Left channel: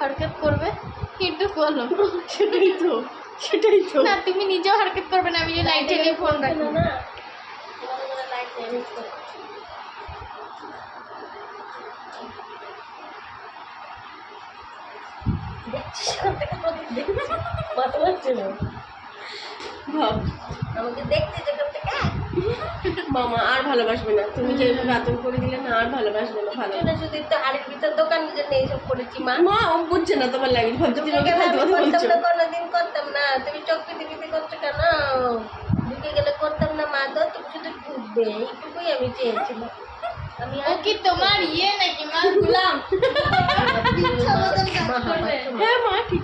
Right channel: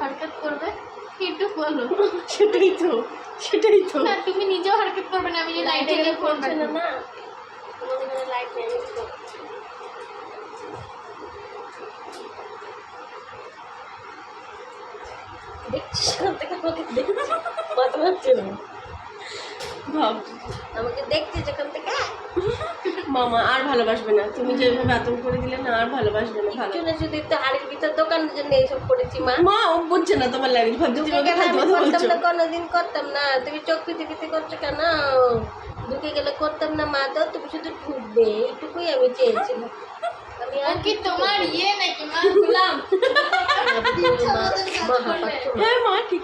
হরকত করবে কিন্তু বলো সেটাই তো না তুমি নিজেও হরকত করবে না আমি যে লাইটে নিয়ে ফোন না রাখবো না তোমাদের জন্য লাইট নিয়ে এসেছি। দেখছিস সেখান থেকে আমাকে দেখছিস মাথা হচ্ছে না ভাব আমাকে দেখছি যেখান থেকে মামা আর ভালোবাসবে না তুমি যেভাবে আতঙ্ক করে দিলে না আর ভালোবাসবে না ভালো না শুধু একটু হাড়ির ভিতর দোকানের জন্য এইসব করেছি মা ও বুঝছে না তোমার লাগে ভাবছো তুমি ওকে ফালতু কথা বলছো কোনোদিন করতাম না তুমি চোখ পিতে পিতে করছো কেন ঢুকে গেলে করতাম না মা তো তুমি শুধু ঢুকবে এইটুকুই আমি চেয়েছিলাম আমি ও কি তোমার ইয়ে নাকি মা গুলাম হ্যাঁ মা ঠিক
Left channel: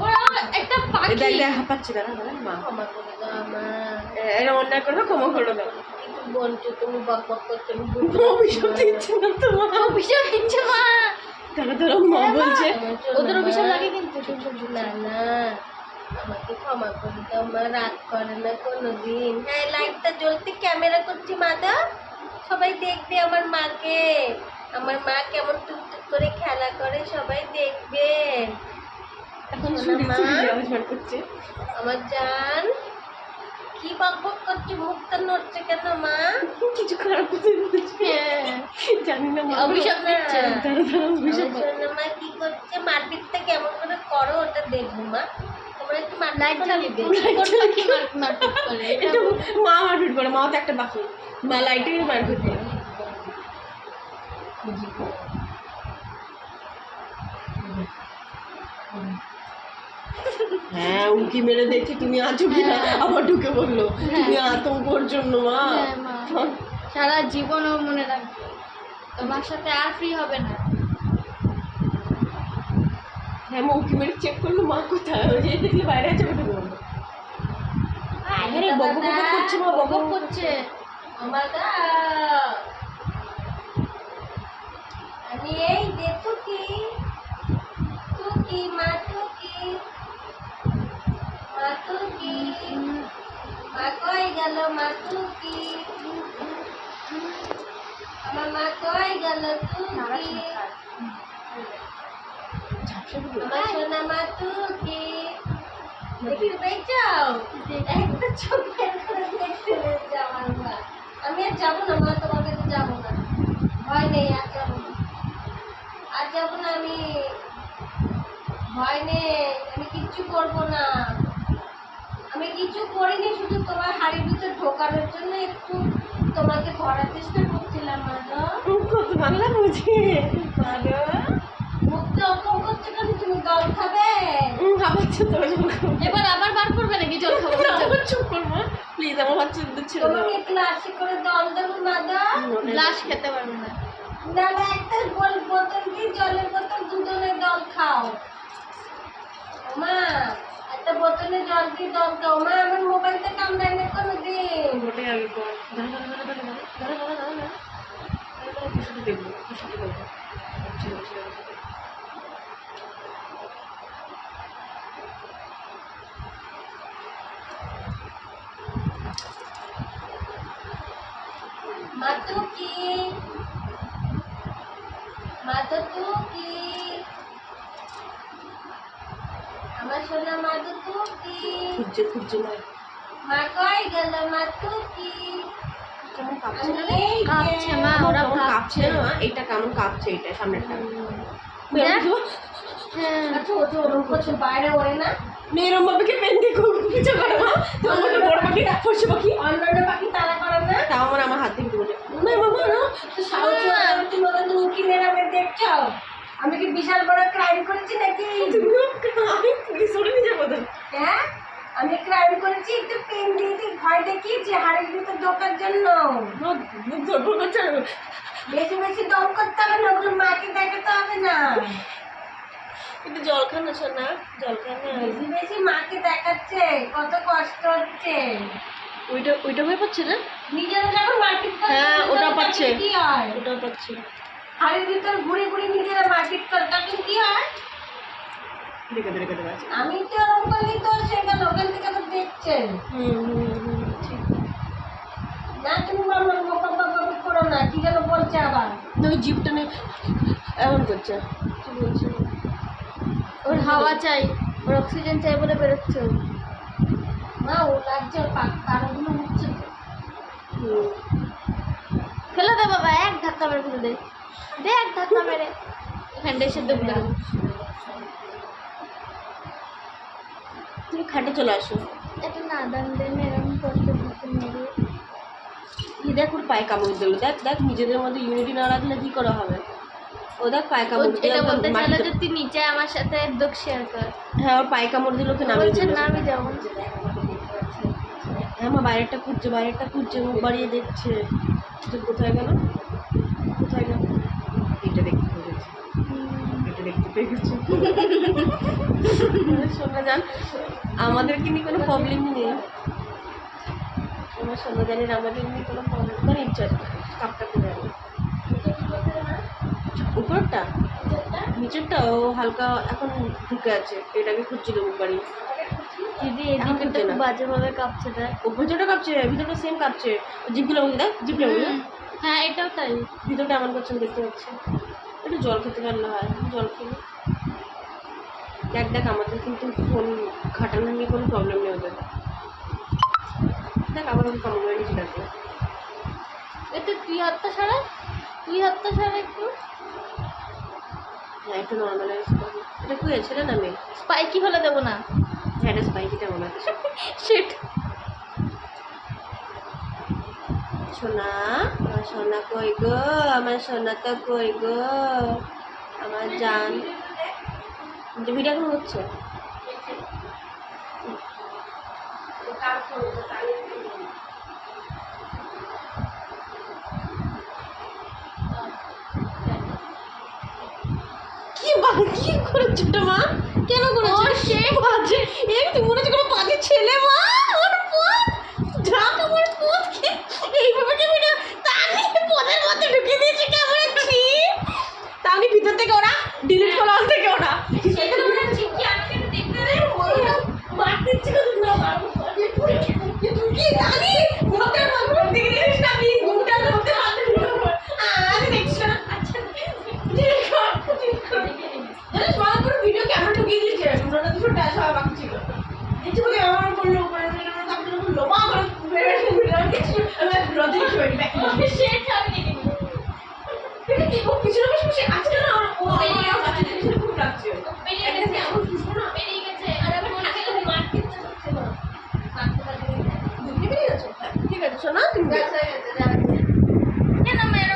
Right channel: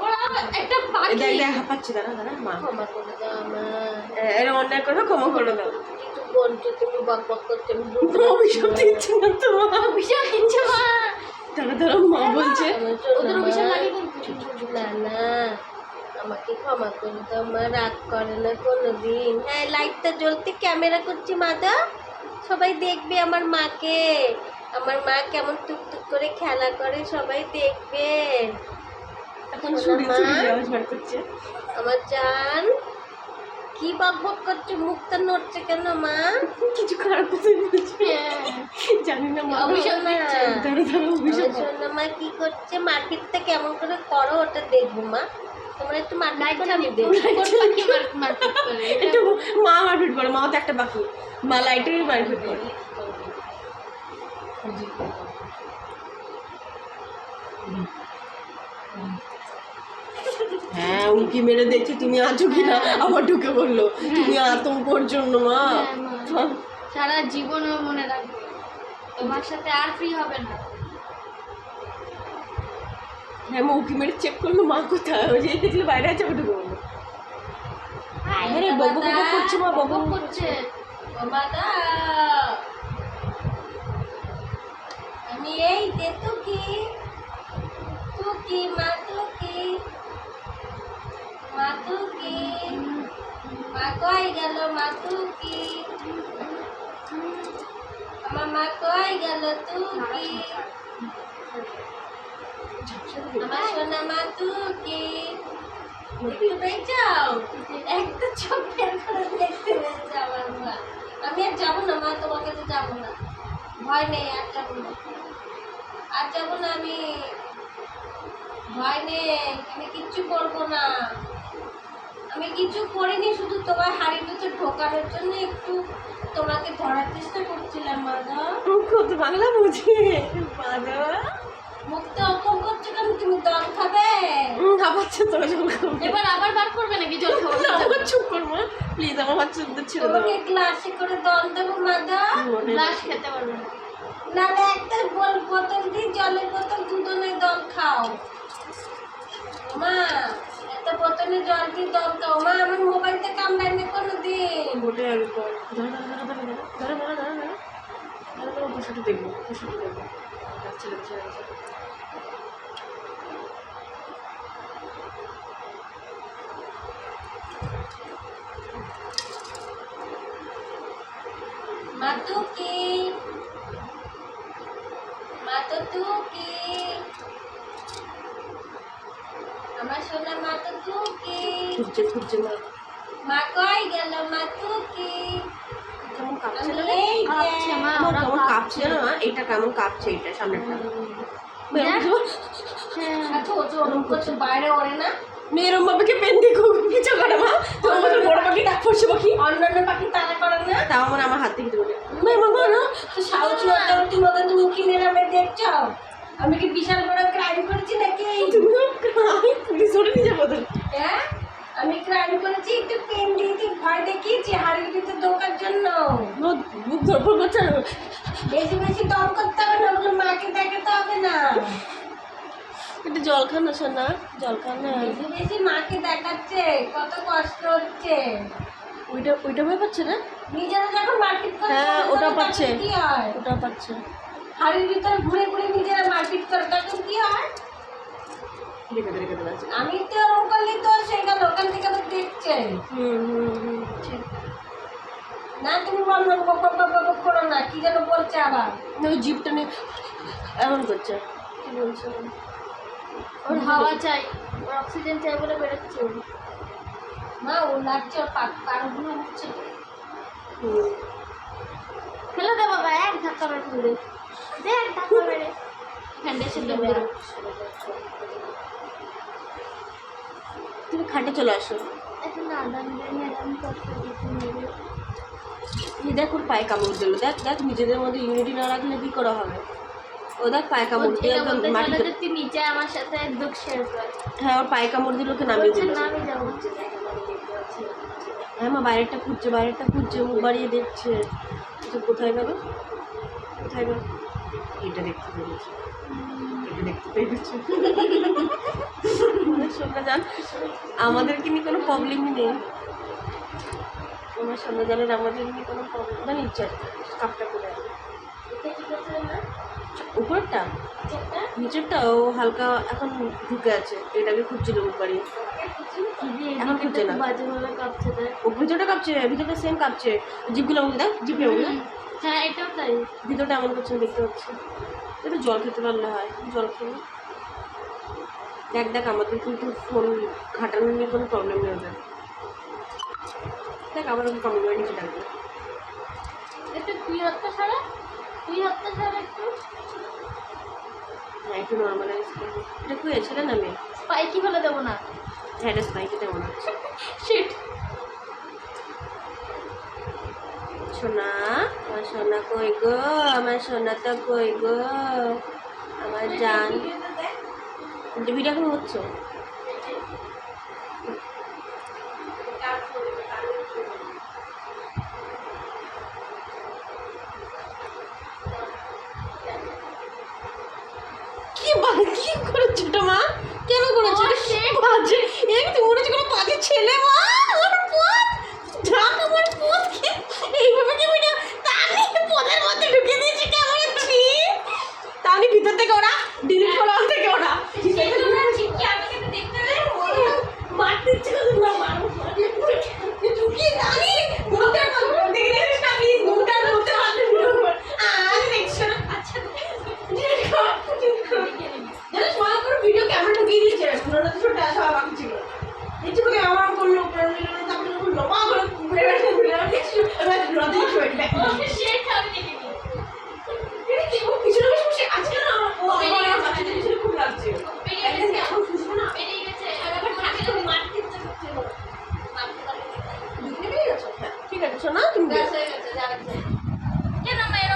ওরা একটা পাখি দেখ দেখ হাঁপাচ্ছে দাঁড়া দাঁড়া মা ক্ষমা করে দাও মা এরকম অন্যায় করবে ক্ষমা করে দাও কিছু বলছো তুমি বক বক করছো অভিশাপ দিচ্ছি না তো মা অভিশাপ দিচ্ছে মা দাঁড়া দাঁড়া মা বলছে ওদের অভিশাপ লাগে কিন্তু না না আমাকে ক্ষমা করে দাও মা রাগ করে না কোনোদিন হ্যাঁ লাইটটা জ্বলতে ক্যামেরা করছি মা তো সবাই দেখবে আমার মাকে আমার মা কেমন টুকটুক করে খেলা করে সবাই দেখবে এখন করছে আমার জান কি বক বক করছে মুখটা নড়ছে কেন মা কিছু খারাপ কথা বলছে জানি না মা অভিশাপ দিচ্ছে দাঁড়া দাঁড়া অভিশাপ মা কি করছে মারপিটটা কেমন করে করো ওটা দেখবো মা তোমরা একটু মারপিট করে নিবে একটু মা মারপিট করে মাও তো একটা বাকি মা লাইটেরই মারপিট করে হ্যাঁ উঁকি মেরে দেখছি তুমি আছো কিনা আবার ঢুকে বললো তুমি আতঙ্কর জন্য মা সারা জীবনও মনে রাখবে তোমার সাথে আর ফ্রি হবে না হ্যাঁ মা উঁকি মেরে চেক করলো মা কোথায় ওই যে দেখলে বাইরে আছে ঢুকে বললো আরে বক বক করছে মা বক বক করছে আমি এই দে তুকি মা তুকি মা তুকি মা কই গেল মা তুকি আমার মা কই গেল তুকি আমার সোনা মা তুকি দেখতে পেয়েছো একটা চোখ বের করে দেখতে পেয়েছো আমার মা আমি আর যাবো না মা তোমার কাছে যাবো না ভয় নেই আর যাবো না আমি ভয় নেই আমি কিচ্ছু করবো না আমি কিছু করিনি শুধু তোমার হাড়ির ভিতর ঢোকানোর জন্য একটু তোমাকে ধরার চেষ্টা করছিলাম মাদা কত বাংলা বুঝি মাদা মুখতে অকম করছে কেন তুমি দল খাবে খাবাচ্ছে তো এবার আবার বার করবে নাকি জল খাবো না আমার চুপ কর মা প্লিজ আমার বাচ্চাদের ছেড়ে দাও তোমাকে গ্লাসে করে দল দেবো মাদা গ্লাস খেতে পারবে না না না একটা বোতল দিয়ে জলের বোতল দুজনে দল খাও মা একটা বোতলে জল দিয়ে দল খাও মা আমার মোবাইলটা কামড়ায় না কোনো দিন ওটাই আগে কর দাঁড়া খুশিতে দেখবো মাতুকি আমার সোনা মাতুকি খুঁজছে মা কই গেল মাতুকি কেমন কাঁপছে না কাঁপছে মা ওরা কেমন কাঁপছে না এটা কেমন কাঁপছে এটা সামনেরটা বাইরে ওরে না মেয়ের বাবাকে পেন দিয়ে কিছু করে মা তোমার বড় পাখি পশু পাখি অন্যান্য পাখি তারা করে না তাও আমার হাত থেকে বলে মামা না তো সাহস তুমি কিনে নামে দেখছো আমি কি বিশাল বড় ক্রাইম করেছি নাকি পুলিশ ধরে নিয়ে যাবো হ্যাঁ আমি ক্রাইম করেছি একটু পেন দিয়ে ভয় দেখিয়েছি হাড়ির ভিতর ঢোকার জন্য মুখ ধরপড় করছে না বেশি বেশি দম করতে হবে না ওগুলো মাকে দেখাতে হবে না একটু জল খানো শোনা জল খানো বেশি বেশি মাকে দেখাচ্ছে কত কষ্ট হচ্ছে ওইটা ভয় পাচ্ছে না নিজেরা যখন মারপিট করে হ্যাঁ ওটা পাচ্ছে কি হয় ওটা পাচ্ছে হাড়ির ভিতর ঘুরে ঘুরে নিজেরা মারপিট করে তখন কি হয় আমি তো ওরকম করলি তো সেটা দোকান থেকে তো দেখছে ঠিক না তুমি করো না কি যেন বলছে আবার ওই জিপটা নিয়ে এমন করছে কি বলছে ওর হাওয়া চাই, ওর অক্সিজেন চাই বলে বেরোচ্ছে ও। না ওর লাগছে, ওর কারোগুলো উঠছে। ফেলে দে বাবা, এক ধাক্কা মেরে ফেলে দে, দে এক ধাক্কা মেরে এখানটা এসে দৌড় বেরো। তুমি খাটে চলে আসো। একটু নাদান দে মেরাম করতে দিতে মেরে। এই দেখ ওর পায়ে কামড় দিল, দেখ দেখ নিজেদের মধ্যে ইউনিটি না রাখলে কি করা হবে। ও দেখ পায়ে কামড় দিল, এটা বলতে ছিল মাটিতে। যে তুই নিচে আমার সাথে দুঃখ শেয়ার কর। হ্যাঁ ওর পায়ে কামড় দিল, ওকে নামিয়ে বলছে দিল। না আমি যাবো। হ্যাঁ মা বাইরেটা খুঁজছে, বাইরেটা খুঁজছে, মুখ বাড়িয়ে দেখছে যে কোথায় গেল, কোথায় গেল। এটা দেখতে পেয়েছে, এটা দেখতে পেয়ে গেছে। মানে সোনা জান আমাদেরকে নিয়ে কোনো প্রবলেমই নেই। আমার সোনা জানের আমাদের নিয়ে কোনো প্রবলেম না, ইচ্ছা আছে কাপটা পরে আমি উপরটা নিচেরটা ও হালকা এখন ঢুকে আছে, এটাকে খুঁজছিল মুখ বাড়িয়ে। দিদি এখন এদিকে খুঁজছে তো না। বাজে ভাবে কাঁপছে দেখ। ও ভিতরটা কাঁপছে, ভিতরটা সেম কাঁপছে। জিপগুলো আমাকে দেখ, জিপটা আমাকে দেখ। হ্যাঁ এটাও তাই। ভিতরটা এমন করছেন দেখতে পাচ্ছি। একটু জল খেতে পারলে হয়, জল খেয়ে দেখ। দেখ আমাদের কিন্তু ফোন ঘাটানো নিয়ে কোনো প্রবলেম নেই ওদের। দেখ আবার ওকে কামড় মেরে নিচে ডাকবে। একটু তুই হাতটা ছাড়া, তুই হাতটা ছাড়া একটু। হ্যাঁ একটু নর্মালাইজ করবো। এটা কি ছেলে না মেয়ে? স্পাইকি হলে দেবো না। হ্যাঁ এটা স্পাইকিটা মনে হচ্ছে। শিট। সোনা, আমার সোনা কই গো, আমার সোনা তো কই গো, আমার জান। ভিডিও এখন হচ্ছে। কি করেছো এটা মা? কেন করেছো? বাজে এমনি মনে হচ্ছে কোনো বাজে ছেলে মা। আমার পথ ঢাক, আমার পথ কি এইভাবে কি ভিডিও তানি পদের মধ্যে ঢুকিয়ে দিয়েছে কেমন ছি। তানি ভিতর থেকে ওরা ডিলিট করা থেকে ওরা মার দিচ্ছে না, মারবো ঢুকিয়ে তানি মুখটার মধ্যে দিকে দিয়েছিস না প্লিজ, মুখটার মধ্যে মারতে ভিডিও কর। দেখছো আচ্ছা ডিলিট কর, ডিলিট কর। জানিস মনে করে ভিডিও ক্যামেরা ঢুকিয়ে দিয়েছে, ওনারা তো ছোট আসা বাকি ছিল না। দেখছি বলে আমার করলো উপরে তারপরে বললো মা করে বেরোতে ভিডিও দেখছি আমি রদি ছড়ি দেখি শেট আমি দেখে নি। এটা কি ও পিছনে বসে বসে আছে না, ও আমার বাচ্চাদের পিছনে খুব লাগছে। পেরিয়ে গেছে, এখন খুশবো না, পেরিয়ে গেছে। আর আবার মনে থেকে মারতে হচ্ছে না। মারতে পারলে দুদিনে বেরিয়ে গেছো। হ্যাঁ ঠিক আছে শোনা তুমি ব্যাস হয়ে গেছে।